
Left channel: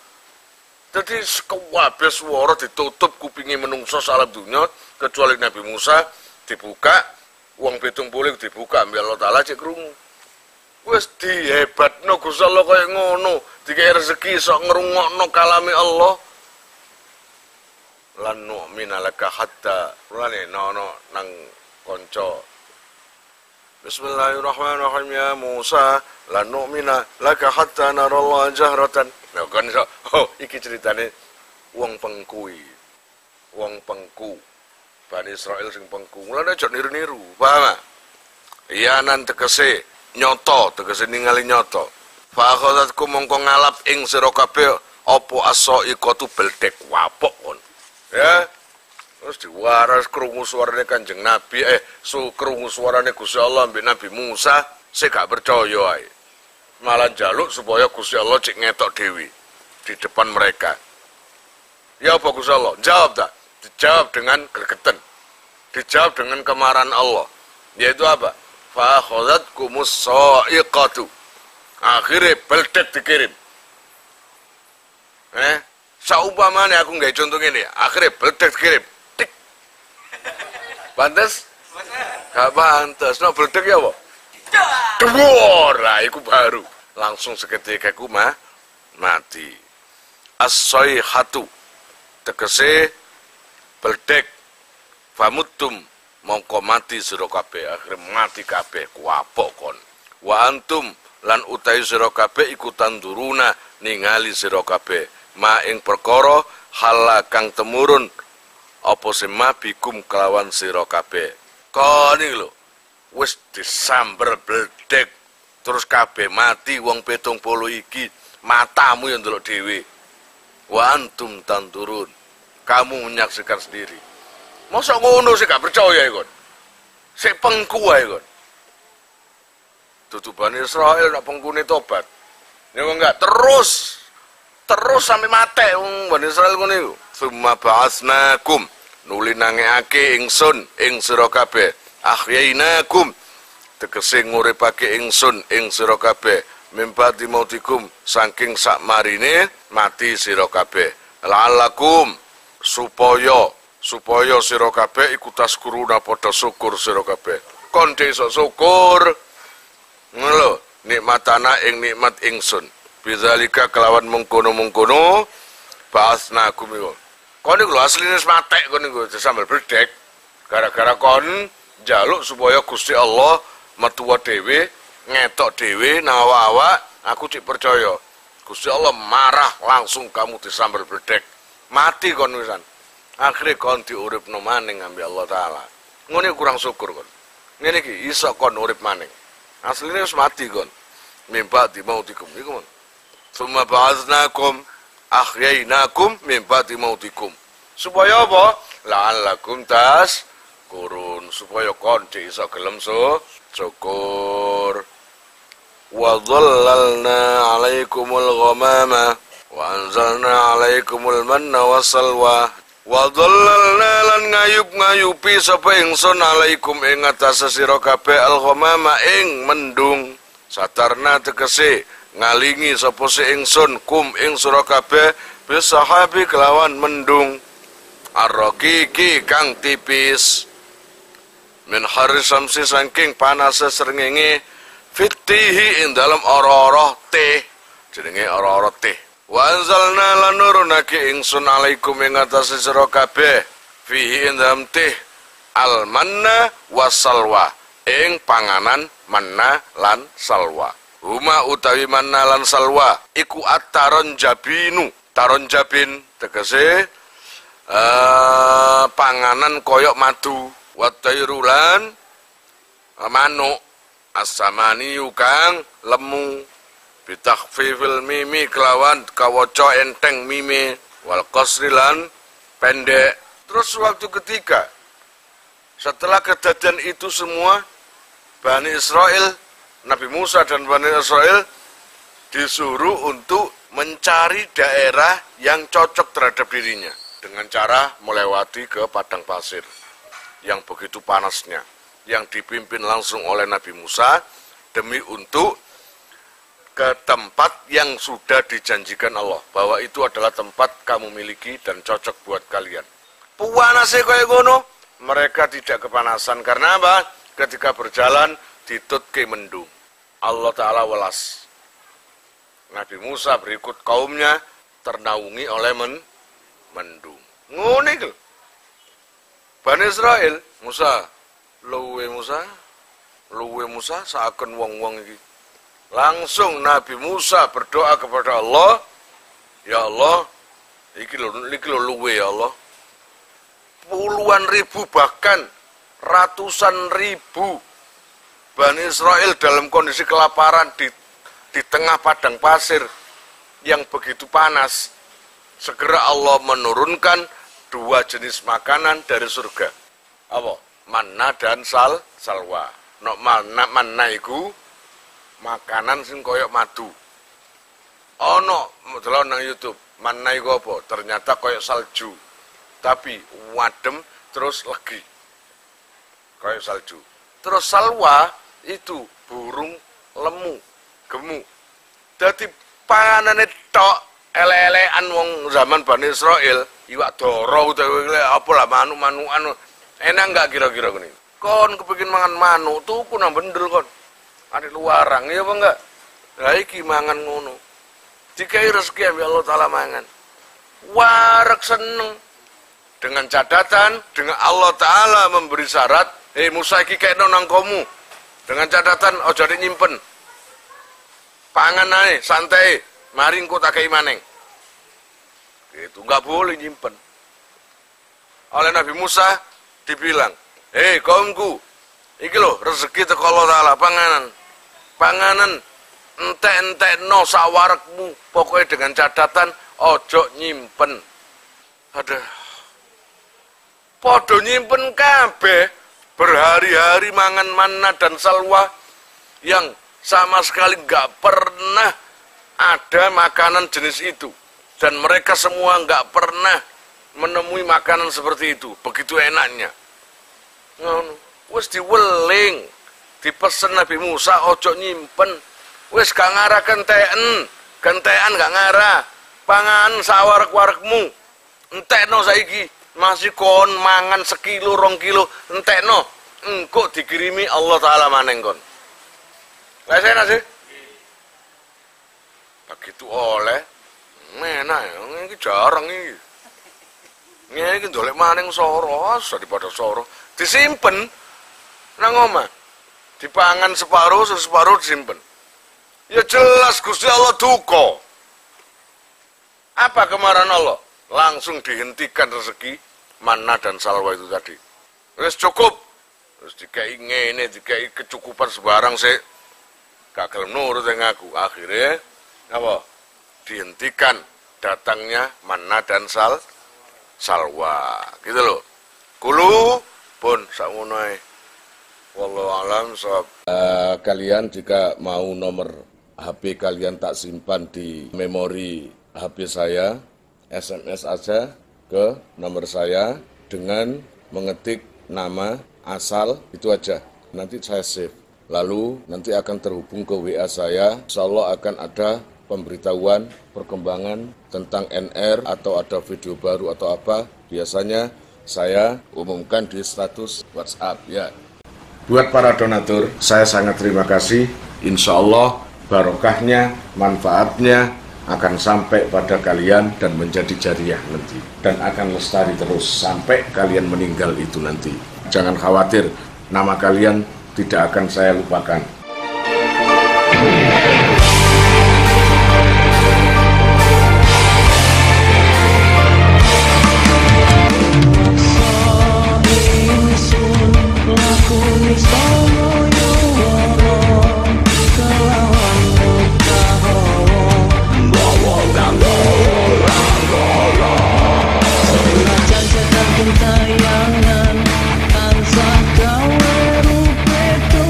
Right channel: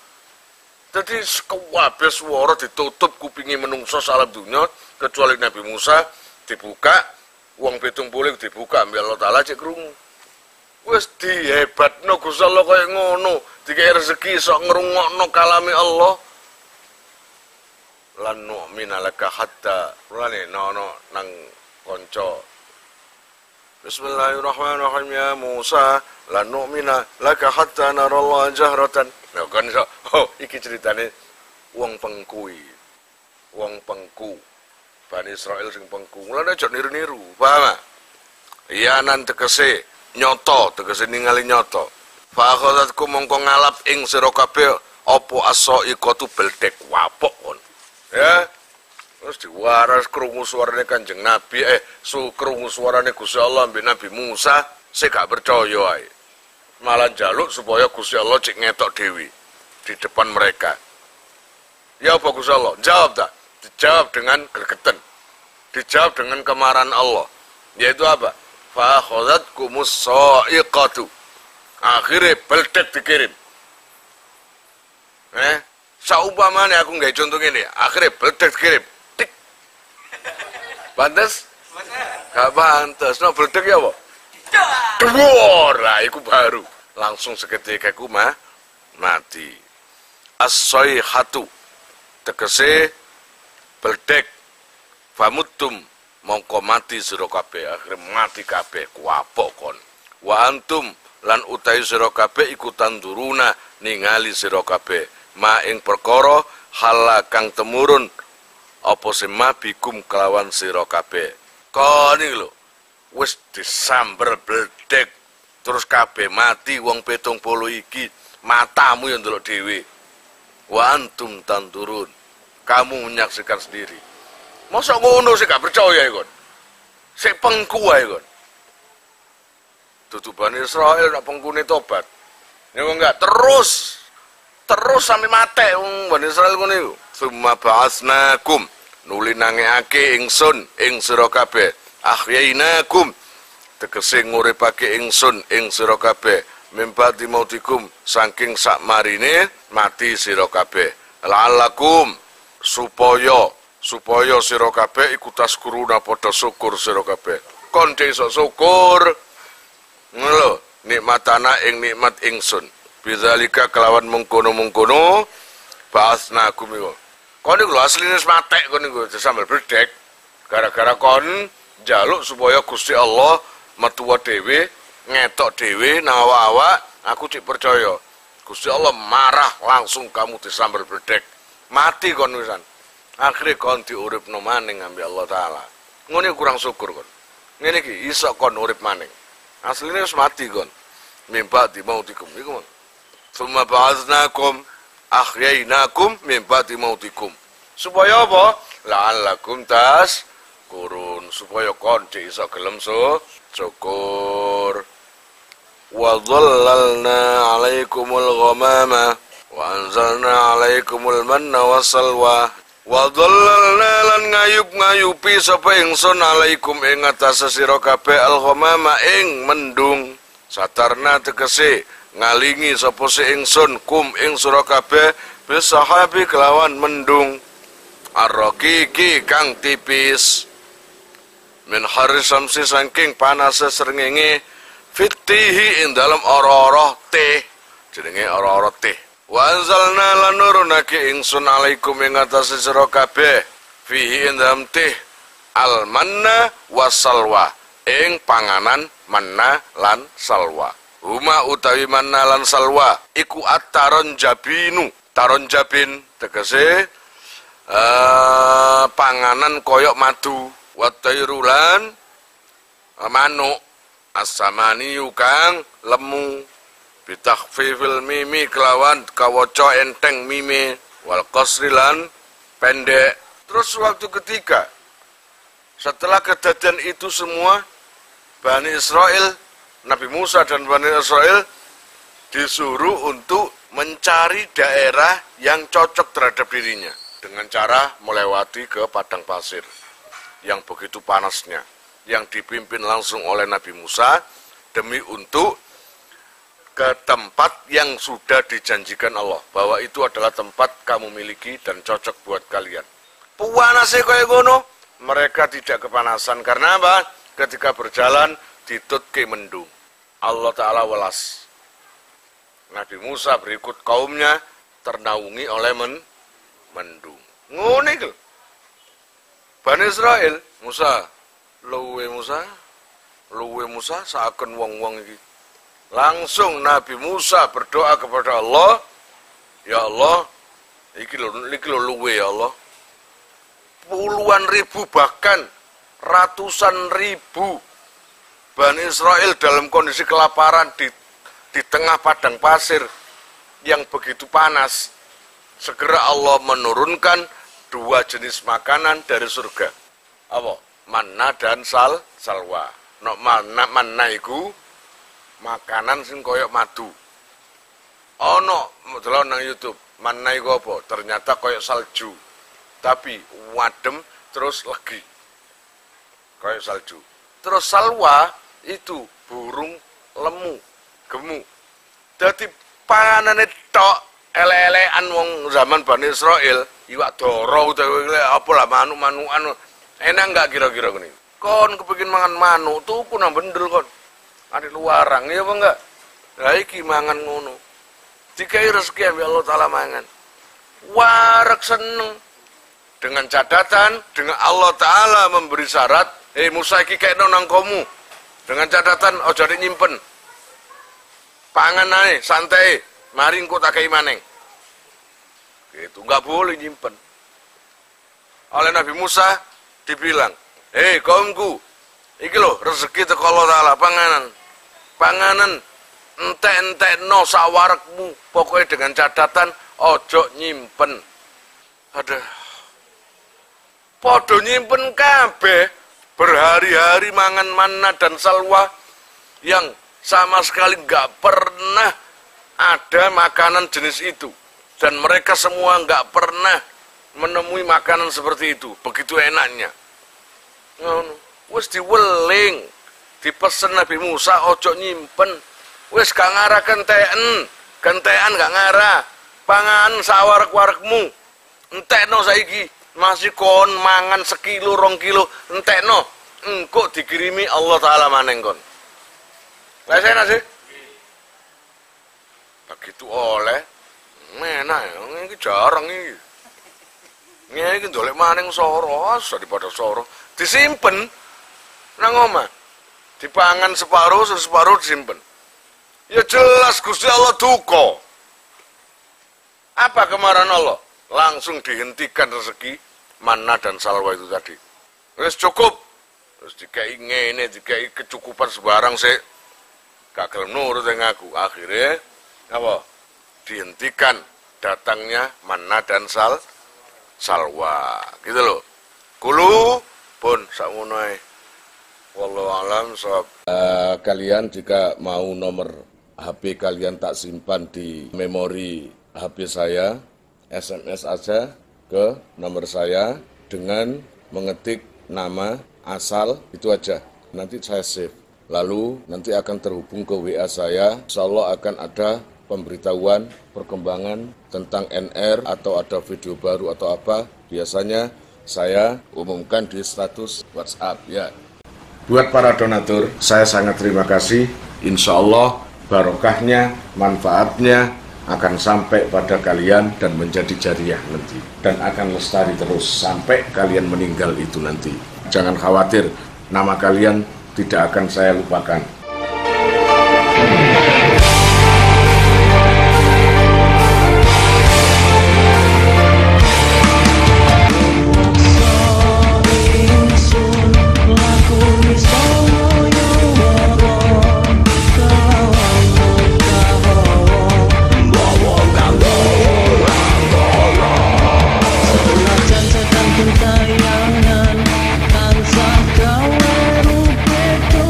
Jadi kabeh swara ditutup kupinge menungso salam dunya kecuali Nabi Musa dibuka, wong 70 dibuka ambek Allah Taala cek krungu. Wis dihebatno Gusti Allah kaya ngono, dikek rezeki sok ngrungokno kalame Allah. Lan nu'mina laka hatta rane nono nang kanca. Bismillahirrahmanirrahim ya Musa, lan nu'mina laka hatta narallaha jahratan. Nah kan iso, iki ceritane wong pengku. Bani Israil sing pengku. Mulane aja niru-niru, paham? Iya nan tegese nyoto, tegese ningali nyoto. Fa akhadhatku mongko ngalap ing sira kabeh apa asaiqatu beldek wapok kon. Ya. Terus diwaras krungu suarane Kanjeng Nabi, krungu suarane Gusti Allah ambek Nabi Musa, sik gak percaya ae. Malah jaluk supaya Gusti Allah cek ngetok dewi di depan mereka. Ya apa Gusti Allah? Jawab tak? Dijawab dengan gregetan. Dijawab dengan kemarahan Allah. Yaitu apa? Fa akhadhatkumus sa'iqatu. Akhirnya beldek dikirim. Saumpamane aku nggawe contoh ngene, akhirnya beldek dikirim. Tik. Pantes? Gak pantes. No beldek ya apa? Duor lah, iku baru. Langsung seketika iku mati. As-sayhatu tegese beldek. Famutum mongko mati sira kabeh, akhire mati kabeh kuapok kon. Wa antum lan utahi sira kabeh iku tanduruna ningali sira kabeh ma ing perkara hala kang temurun apa sema bikum kelawan sira kabeh. Kon iki lho wis disamber beldek terus kabeh mati wong 70 iki, matamu yang ndelok dhewe. Wa antum tandurun, kamu menyaksikan sendiri. Masa ngono sih gak percaya ikon. Sik pengku ae ikon. Dudu Bani Israil nak pengkune tobat. Ya enggak terus sampai mate wong Bani Israil ngono iku. Summa ba'atsnakum nuli nangeake ingsun ing sira kabeh. Ahyainakum tegese nguripake ingsun ing sira kabeh. Mimpati mautikum saking sakmarine mati sira kabeh. La'allakum supaya sira kabeh iku taskuruna padha syukur sira kabeh. Kon iso syukur. Ngono nikmatana ing nikmat ingsun. Bidzalika kelawan mengkono-mengkono ba'atsnakum iku. Kon iku lho asline wis matek kon iku sambel bledek. Gara-gara kon njaluk supaya Gusti Allah metuwa dhewe, ngetok dhewe nang awak-awak, aku cik percaya. Gusti Allah marah langsung kamu disambel bledek. Mati kon wisan. Akhirnya kon diuripno maning ambek Allah Ta'ala. Ngene kurang syukur kon. Ngene iki iso kon urip maning. Asline wis mati kon. Mimpa di mautikum iku. Summa ba'atsnakum ahyainakum min ba'di mautikum. Supaya apa? La'allakum kurun, supaya kon iso gelem syukur. Wa dhallalna 'alaikumul ghamama wa anzalna 'alaikumul manna wassalwa. Wa dhallalna lan ngayup-ngayupi sapa ingsun 'alaikum ing atase sira kabeh al-ghamama ing mendung. Satarna tegese ngalingi sapa si ingsun kum ing sira kabeh bisahabi kelawan mendung ar-raqiqi kang tipis min haris samsi saking panase srengenge fitihi ing dalem ora-ora teh jenenge ora-ora teh wa anzalna lan nurunake ingsun alaikum ing atase sira kabeh fihi ing dalem teh al manna wasalwa ing panganan manna lan salwa. Huma utawi manna lan salwa iku at-taron jabinu. Taron jabin tegese panganan koyok madu. Watairulan manuk as-samani kang lemu bitakhfifil mimi kelawan kawaca enteng mimi wal qasrilan pendek. Terus waktu ketiga setelah kejadian itu semua Bani Israel, Nabi Musa dan Bani Israel disuruh untuk mencari daerah yang cocok terhadap dirinya dengan cara melewati ke padang pasir yang begitu panasnya, yang dipimpin langsung oleh Nabi Musa demi untuk ke tempat yang sudah dijanjikan Allah bahwa itu adalah tempat kamu miliki dan cocok buat kalian. Puanase kaya ngono, mereka tidak kepanasan karena apa? Ketika berjalan ditutke mendung. Allah Ta'ala welas. Nabi Musa berikut kaumnya ternaungi oleh mendung. Ngono iki. Bani Israel, Musa saken wong-wong iki. Langsung Nabi Musa berdoa kepada Allah, ya Allah, iki lho luwe ya Allah. Puluhan ribu bahkan ratusan ribu Bani Israel dalam kondisi kelaparan di tengah padang pasir yang begitu panas. Segera Allah menurunkan dua jenis makanan dari surga. Apa? Manna dan salwa. No, manna iku makanan sing koyok madu. Ono delok nang YouTube, manna iku apa? Ternyata koyok salju. Tapi wadem terus legi. Koyok salju. Terus salwa itu burung lemu, gemu. Dadi panganane tok ele-elean wong zaman Bani Israel, iwak doro utawa apa lah manuk-manukan. Enak enggak kira-kira gini? Kon kepengin mangan manuk tuku nang bendel kon. Ada luarang ya apa enggak? Lah iki mangan ngono. Dikai rezeki ambil Allah Taala mangan. Warak seneng. Dengan catatan, dengan Allah Ta'ala memberi syarat, Musa iki kekno nang komu. Dengan catatan, ojo nyimpen. Pangan ae, santai, mari engko tak kei maneng. Gitu, enggak boleh nyimpen. Oleh Nabi Musa dibilang, kaumku, iki lho rezeki teko Allah Ta'ala, panganan entek-entek no sawarekmu, pokoknya dengan catatan ojo nyimpen. Podo nyimpen kabeh berhari-hari mangan manna dan salwa yang sama sekali nggak pernah ada makanan jenis itu, dan mereka semua nggak pernah menemui makanan seperti itu, begitu enaknya. Wes diweling, dipesen Nabi Musa ojo nyimpen, wes gak ngarah kentean gak ngarah, pangan sawarek-warekmu, entekno saiki. Masih kon mangan sekilo 2 kilo entekno engko dikirimi Allah Ta'ala maneng kon. Lah saya nasi begitu oleh enak ya, ini jarang ini. Ini ndolek maneng soro, daripada soro disimpen nang omah. Dipangan separuh disimpen. Ya jelas Gusti Allah duka. Apa kemarahan Allah? Langsung dihentikan rezeki manna dan salwa itu tadi. Wis cukup. Terus dikai ngene, dikai kecukupan sebarang sik. Gak gelem nurut yang aku. Akhirnya apa? Dihentikan datangnya manna dan salwa gitu loh. Kulu pun sakmonoe. Wallahu alam sob. Kalian jika mau nomor HP kalian tak simpan di memori HP saya, SMS aja ke nomor saya dengan mengetik nama asal itu aja. Nanti saya save. Lalu nanti akan terhubung ke WA saya. Insyaallah akan ada pemberitahuan perkembangan tentang NR atau ada video baru atau apa. Biasanya saya umumkan di status WhatsApp ya. Buat para donatur, saya sangat terima kasih. Insya Allah barokahnya, manfaatnya akan sampai pada kalian dan menjadi jariah nanti. Dan akan lestari terus sampai kalian meninggal itu nanti. Jangan khawatir, nama kalian tidak akan saya lupakan. Tayangan tansah gawe rupeto